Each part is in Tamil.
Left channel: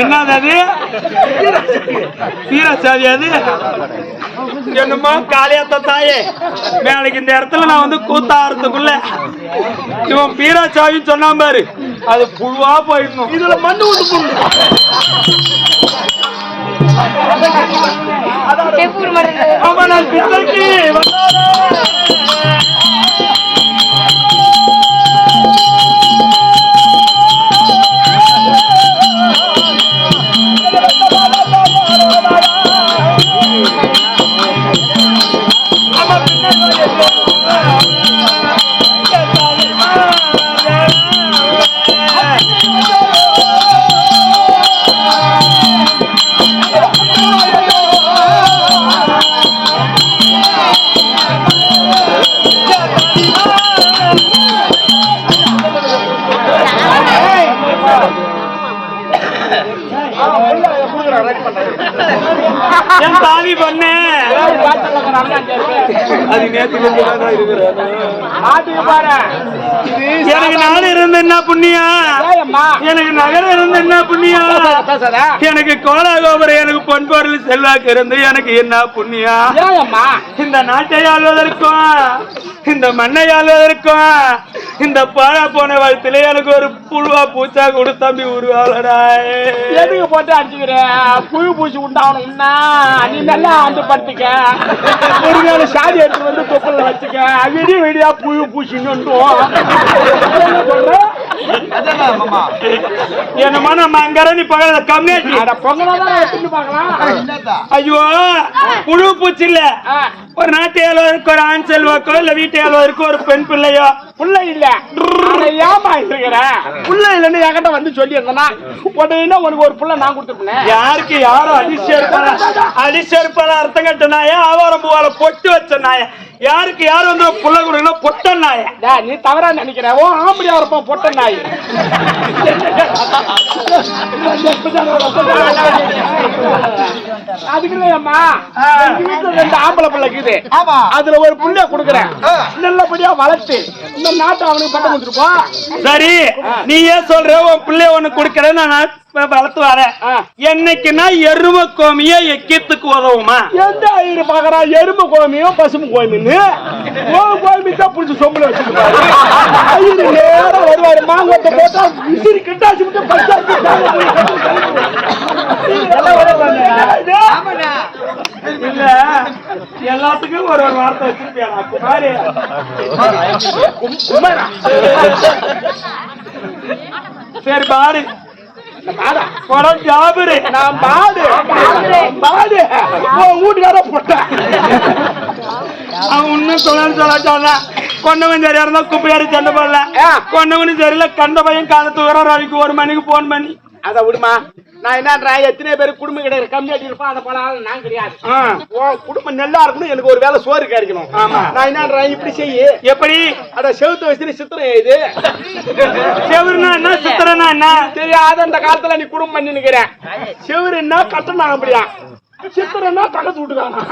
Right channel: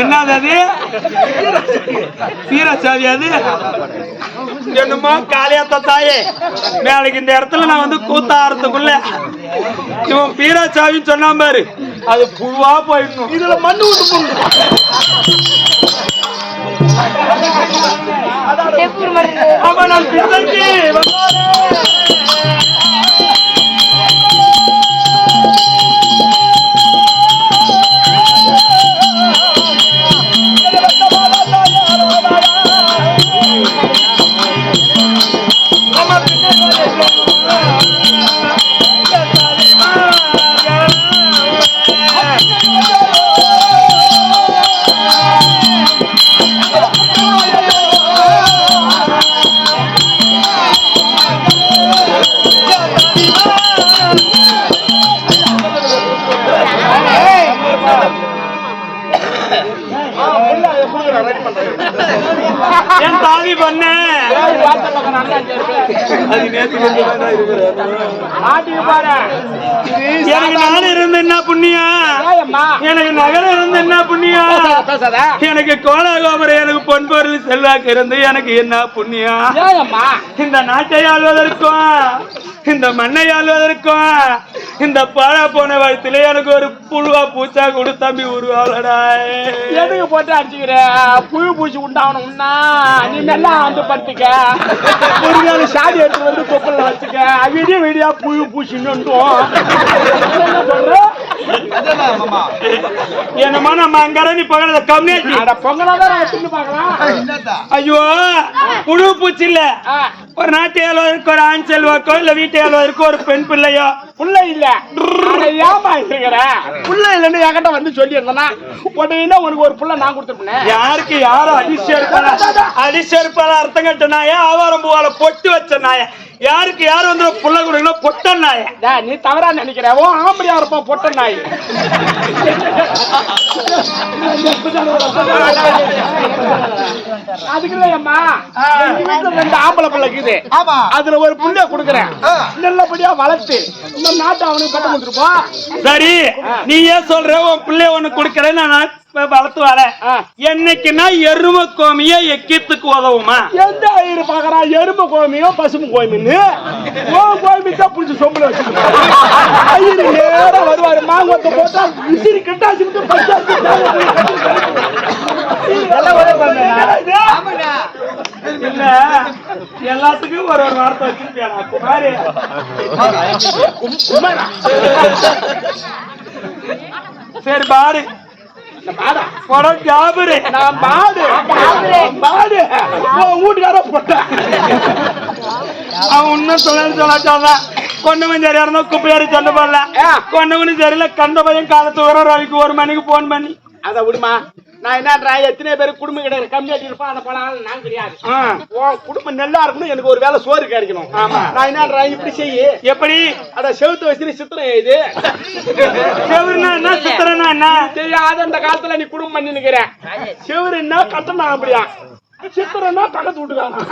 என்னது அது? வீரசாவி அது என்னமோ காளியாத்த தாயே மேலைக்கு இந்த இடத்துல நான் வந்து கூத்தாறதுக்குள்ள இவன் வீரசாவின்னு சொன்னா பாரு, அது புழுவா போயிடணும். இதுல மண்ணு விட்டு போடணும். ஆமா நான் பிள்ளைக்கு வந்தாரே. என் தாலி பண்ணு எனக்கு நாடு இருந்து என்ன புண்ணியா, எனக்கு நகரம் இருந்து என்ன புண்ணியா, எனக்கு கோலாகோபுரம் எனக்கு பொன்பொருள் செல்வாக்கு இருந்து எனக்கு என்ன புண்ணியா. இந்த நாட்டை ஆள்வதற்கும் இந்த மண்ணை ஆள்வதற்கும் இந்த பாழா போன வயசுல எனக்கு ஒரு புழுவா பூச்சா கொடு தம்பி உருவாளடா. எதுக்கு போட்டு அடிச்சுக்கிற? புழு பூச்சி உண்டாகணும்னா நீ நல்லா வந்து படுத்துக்க, ஒரு நாள் சாதி எடுத்து வந்து தொப்பல வச்சுக்க, விடிய விடியா புழு பூச்சின்னு என்ன சொல்ற? என்னமா நம்ம அங்க நீ பகல கம்மியாச்சு பொங்கலாதான் எடுத்துட்டு பாக்கலாம். ஐயோ புழு பூச்சி இல்ல, ஒரு நாட்டு ஏழ்வதற்கு ஒரு ஆண் செல்வாக்கோ இல்ல வீட்டு ஏழ்வதற்கு ஒரு பெண் பிள்ளையோ. புள்ள இல்ல ஏமா இருக்கிற? புள்ள இல்லன்னு என்கிட்ட வந்து சொல்லி இருந்தனா உடனே உனக்கு ஒரு புள்ள நான் கொடுத்துருப்பேன். யாருக்கு யாரும் அடிச்செருப்பால அர்த்தம் கட்ட நாய, ஆவாரம் பூவால பொட்டு வச்ச நாய, யாருக்கு யாரும் வந்து புள்ள கொடுக்கணும் பொட்ட நாய. நீ தவறா நினைக்கிற, ஓ ஆம்படியா இருப்போம் பொட்ட நாய். அதுக்குள்ளேயம்மா எங்க வீட்டுல 2 ஆம்பளை பிள்ளை இருக்குது. அதுல ஒரு புள்ளைய கொடுக்குறேன், நல்லபடியா வளர்த்து இந்த நாட்டை அவனுக்கு பட்டம் கொடுத்துருப்போம். சரி நீ ஏன் சொல்ற உன் பிள்ளைய ஒண்ணு கொடுக்கறேன் நான் வளர்த்து வரேன். என்னைக்குன்னா எரும கோமிய எக்கியத்துக்கு உதவுமா? எந்த ஐயரு பாக்குறா எரும கோமியும் பசும கோமின்னு கோமி தான் புடிச்சு சொம்புல வச்சிருப்பாரு. ஐயரு நேரா வருவாரு, மாங்கோட்டை போட்டா விசிறி கிட்டாச்சு விட்டு பச்சாச்சு இல்ல எல்லாத்துக்கும் ஒரு வார்த்தை வச்சிருப்பியா குமாரி? சரி பாரு வீட்டுக்கார போட்ட அவன் இன்னும் சொல்ல கொண்டவன் சரியா இருந்தா குப்பையாரு சண்டை போடல, கொண்டவனும் சரியில்ல கண்ட பையன் காலத்து வர ரவிக்கு 1 மணிக்கு போன் பண்ணி அத விடுமா. நான் என்ன எத்தனை பேர் குடும்பம் கிடையாது கம்மியாட்டி இருப்பான், அந்த போல நான் கிடையாது. குடும்பம் நல்லா இருக்கணும், எனக்கு ஒரு வேலை சோறு கிடைக்கணும். நான் என்ன இப்படி செய்ய எப்படி அத செவுத்து வச்சு சித்திரம் இது செவருனா என்ன சித்திரனா என்ன தெரியாத அந்த காலத்துல நீ குடும்பம் பண்ணி நிக்கிறேன். செவருன்னா கட்டணும் அப்படியா, சித்திரன்னா பக்கத்து வீட்டுக்காரன்.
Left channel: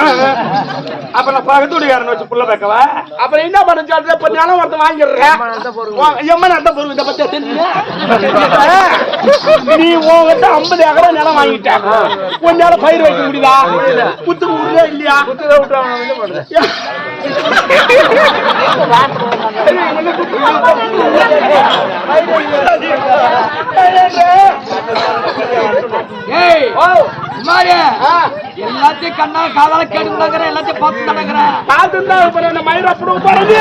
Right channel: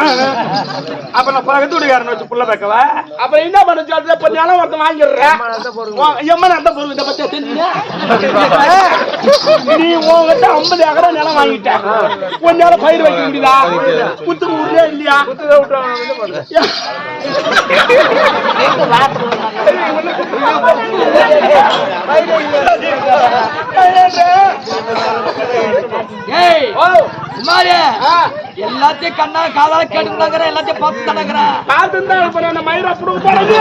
அப்ப நான் பக்கத்து வீட்டுக்காரன் வச்சு புள்ள பேக்கவா? அப்புறம் என்ன பண்ண நிலம் ஒருத்த வாங்கிடுறேன். எம்மன் அந்த பொருள் இதை பத்தி தெரிஞ்சு நீ உங்ககிட்ட 50 ஏக்கர் நிலம் வாங்கிட்டேன், கொஞ்ச நேரம் பயிர் வைக்க முடியுதா? புத்து ஊர்ல இல்லையா? எல்லாத்தையும் கண்ணா காதால கேட்டுக்கிற எல்லாத்தையும் பார்த்து தானே பார்த்து மயிரா புடுங்க போறது.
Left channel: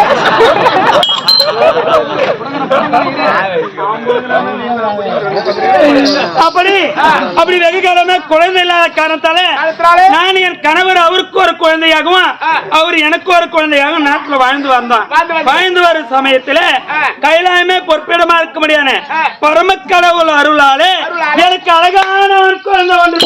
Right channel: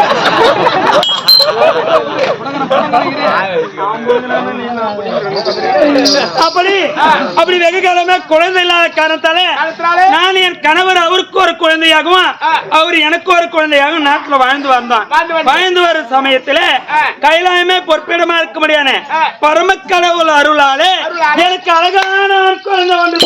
அப்படி வெகு காலமே குழந்தை இல்லாத காரணத்தால நான் என் கணவர் அவருக்கு ஒரு குழந்தையாகவும் அவர் எனக்கு ஒரு குழந்தையாகவும் நாட்டுல வாழ்ந்து வரும் சமயத்துல கைலாயமே பொறுப்பிடமா இருக்க முடியாது பரமக்கடவுள் அருளாலே எனக்கு அழகான ஒரு குழந்தை வந்து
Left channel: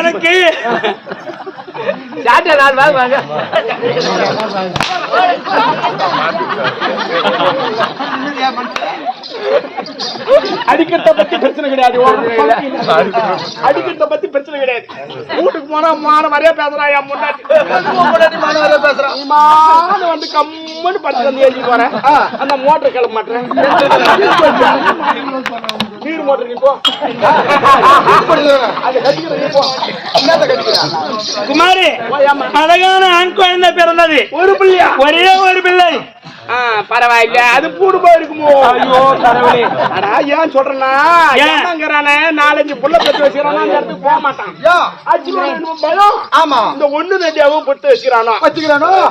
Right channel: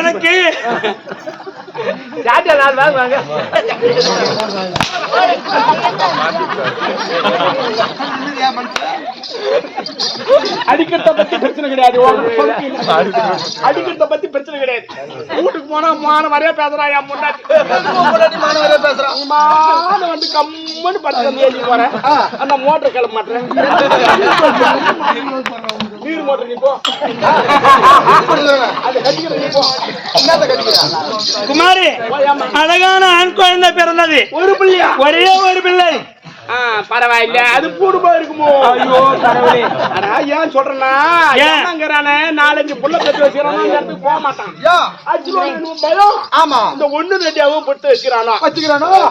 எனக்கு சாட்டை 4 நாள் வாங்க. அடிக்கிறத பத்தி பிரச்சனை கிடையாது. அடிக்கிறத பத்தி பிரச்சனை கிடையாது. வீட்டுக்கு போனா மான மாதிரியா பேசுறா. என் முன்னாடி மான மாதிரியா பேசுறான். மான வந்து கம்முன்னு படுத்து எழுதி போறேன். அந்த மோட்டர் கிளம்ப மாட்டேன். நீர் மோட்டர் நீ போ. அதை கட்டிக்கிற நீ போ. என்னத்த கட்டிக்கிறா குமாரி? அழகான ஆண் குழந்தை பிறந்தது. ஒரு பிள்ளையா? ஒரே ஒரு பிள்ளை. பரவாயில்ல. அது பூடு போயிருக்குமோ? ஐயோ கடவுளே. அடா ஏன் சொல்றேன்னா, ஏன்னாங்கறானே 4-5 புள்ள பெத்து வச்சிரானோ அந்த இடத்துக்கு போக மாட்டான். பயம். ஆமா. இந்த 1-2 பெத்து வச்சிரானோ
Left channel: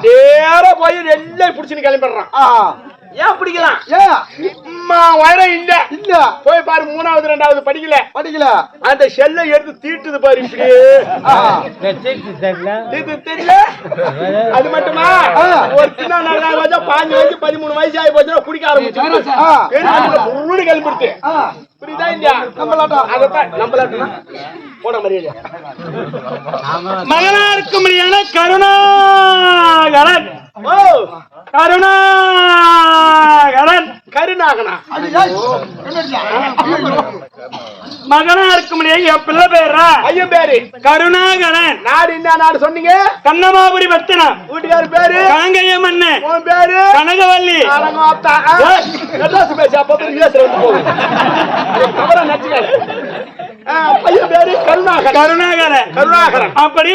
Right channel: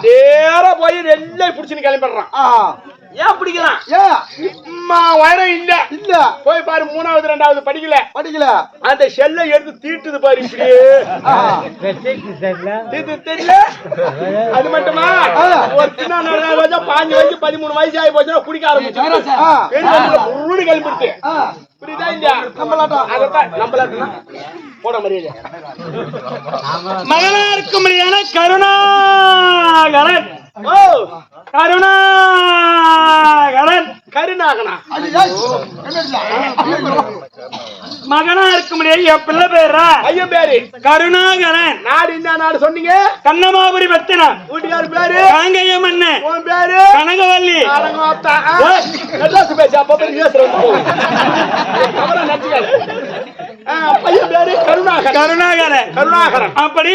நேரா போய் எல்லாம் புடிச்சுன்னு கிளம்பிடுறான். ஏன் பிடிக்கிறான்? உயரம் இல்ல போய் பாரு. 3வது 2வது படிக்கல. அந்த செல்லை எடுத்து தீட்டுது பாரு. தெரியல. அது மட்டுமா ஒரு சின்ன 4 வயசு 5 வயசு 13 வயசு ஆகி போச்சுன்னா குடிக்க ஆரம்பிச்சு கிளம்பிடுச்சு. புரியுதா? இல்லையா? நம்மளாட்டம் போன மரியாதை. மகனா இருக்க முடியாத கருணாகரன். கருணாகனா மகனா இருக்க முடியாது. என் பிள்ளை பேரா? ஐயன் பேரு கருணாகரன். நாடு என்ன நாடு சொன்னீங்க? கண்ணமாபுரி பட்டணம். வீட்டுக்காரு பேரு? காங்கேய மண்ணு. உன் பேரு? கனகவல்லி. பேச அப்ப போகும். தவற நச்சுக்காது. பையன் பேரு கருணாகரன். அப்படி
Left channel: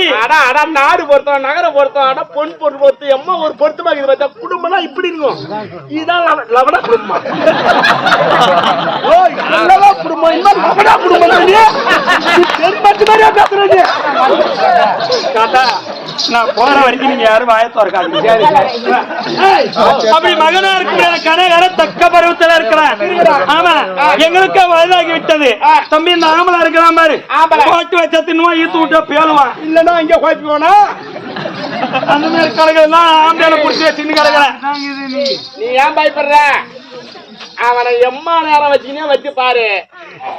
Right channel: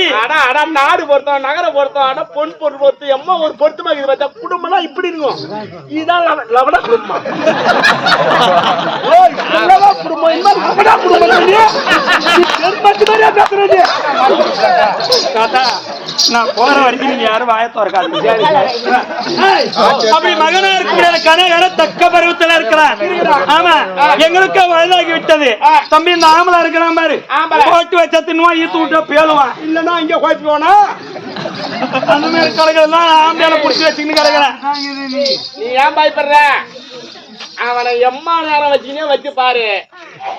நாடு பொறுத்தோம், நகரம் பொறுத்தோம், பொன் பொருள் பொறுத்து எம்மா ஒரு பொருத்தமா இது பார்த்தா குடும்பம்னா இப்படி இருக்கும். இதுதான் லவட குடும்பம். குடும்பம் இந்த மாதிரி லவடா குடும்பம் பேசுறது. தாத்தா நான் போற வரைக்கும் நீங்க யாரும் வாயத்தோ இருக்காது. அப்படி மகனா இருக்க முடியாத கனகர தக்க பருவத்துல இருக்கிறான். ஆமா, எங்களுக்கு வயதாகி விட்டது. தம்பி இந்த ஆம்பளை இருக்கிறான் பாரு, போட்டு வச்ச தின்னுவான், ஈத்து விட்டா பேலுவான். இல்லன்னா இங்க குழப்பிடுவானா? அந்த மாதிரி கலகெல்லாம் ஆம்பளையால புடிச்சு வச்சுக்கின்னு கிடக்குறேன். நீ ஏன் பயப்படுற? அவனை எம்மா நேரம் வச்சுக்கினே வச்சு பாரு.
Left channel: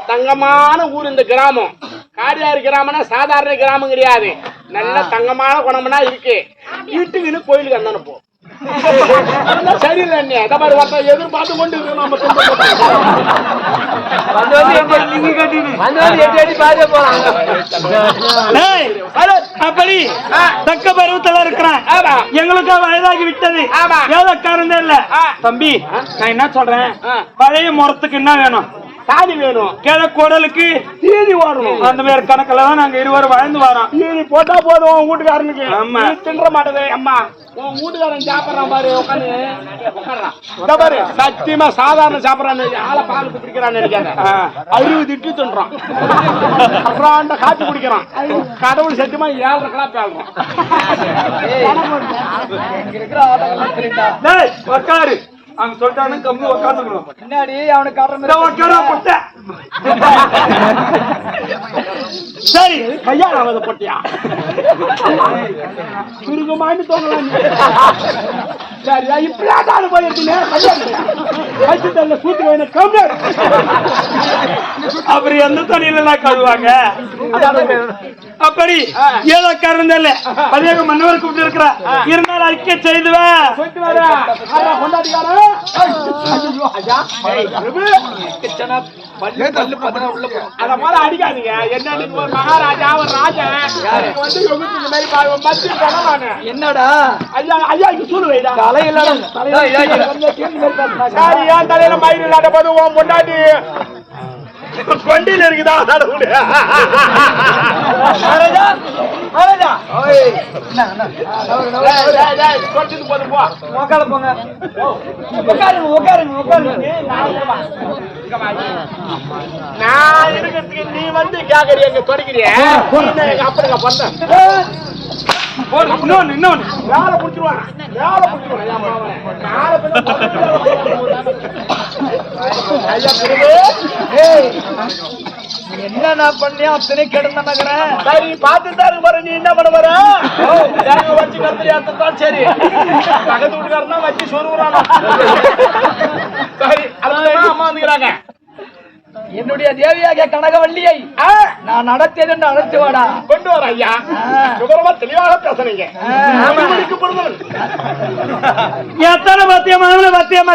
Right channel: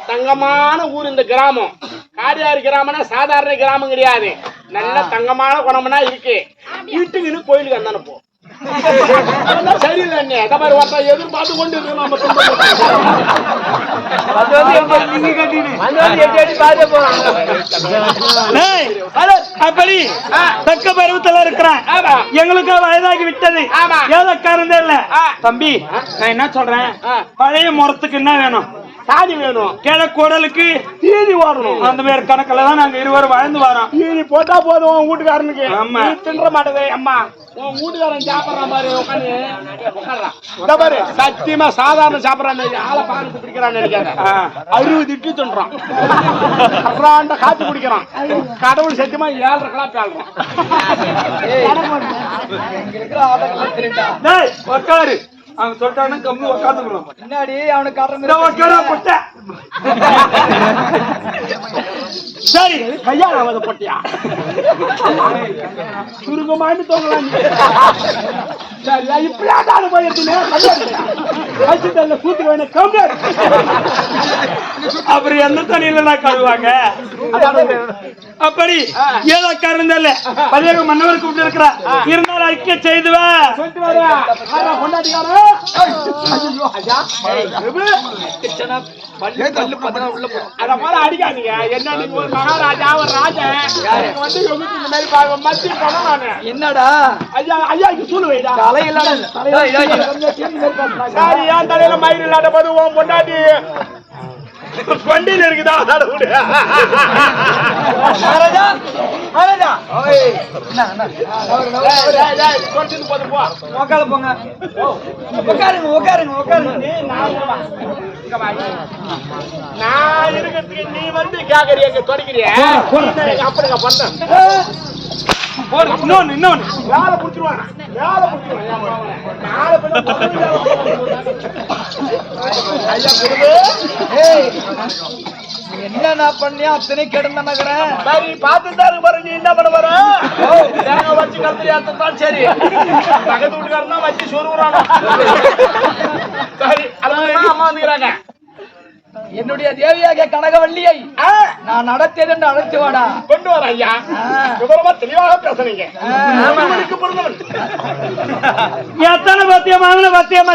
தங்கமான ஊர் இந்த கிராமம். காடியாறு கிராமம்னா சாதாரண கிராமம் கிடையாது. நல்ல தங்கமான குணம்னா இருக்கு. வீட்டுக்குன்னு கோயிலுக்கு வந்தானு போ. சரியில்லை. எதிர்பார்த்து கொண்டு இருக்கணும். அப்படி தக்க பருவத்துல இருக்கிறான். எங்களுக்கு வயதாகி விட்டது. ஏதோ காரணம் இல்ல. தம்பி நான் என்ன சொல்றேன், பழைய முறத்துக்கு என்ன வேணும்? சாதி வேணும். கிழக்குடலுக்கு தீனி ஓடணும். அந்த மாதிரி கணக்குல தான் நாங்க இருவரும் வாழ்ந்து வரோம். தீனி போட்டா போதும் உன் வீட்டுக்காரனுக்கு. ஆமா, தின்ற மாட்டது. அம்மா உன் வீட்டுக்காரன் சாப்பிடறான் பாரு, உட்காந்து உட்காடுறான் பாரு. சத்தியமா சாதாரண சாப்பிடறான்னு ஆளை பாக்கத்து பிடிக்கிறான்னு நினைக்காத. 60 இட்லி தின்றான். அப்புறம் காப்பி குடிக்கிறான். கடவுள் சத்தியமா 7.5 கிலோ பேழ்றான். உட்காரு. அங்க சொல்லிட்டானு கம்மி உட்காந்துக்கணும். பின்னாடி அவனுக்கு சரி கையால அவத போட்டியா? சுருங்கமான்னு தோங்கலாம். சரியா இப்படியாட்டாலும் போயிருக்கீங்க. சூத்துக்கு வேணும் கம்மி. அப்புறம் எந்த தண்ணியில நான் கழுவாங்க? அப்படி ஏதோ காரணம் இல்ல. பதியாக மன்னவர் கூப்பிட்டு இருக்கிற இருந்தாலும் அறிக்கை செய்துவேன். அடிக்காதீங்க. என்ன ஒரு மகாராஜா ஒரு ராஜா வந்து என்னடா ஐயா ஐயா இங்க சொல்லு வைடா. தலையில தலையில மயில் இல்லாத போது உன் பொண்டாட்டி வண்டியில இருக்குதா? போங்க உட்காருங்க. நான் இருக்கிறதுக்கு நீ வந்து கேக்குறிய தொடக்கிறிய. அப்படிங்க பண்ண இன்னொன்னு வேலை புடிச்சிருவான். என்ன பண்ணியா அத்தனை கிடந்த நகரேன். சரி பாத்துதான் இருக்கு பாரு. நீ என்ன பண்ண வர? தேங்க வச்சு கத்திரியாத்தான் சரி. பக்கத்து வீட்டுக்காரன் வச்சு சொருகுறானோ. சரி அதுமா அம்மா வந்துக்கிறாங்க. என்னுடைய தேவியாக கனகவல்லியை நான் நடத்தேன் என்று அழைத்து வாடா. கொண்டு வர ஐயா. விவரமா தெளிவாக பேசுறீங்க. எத்தனை பத்தியமான பத்தியம்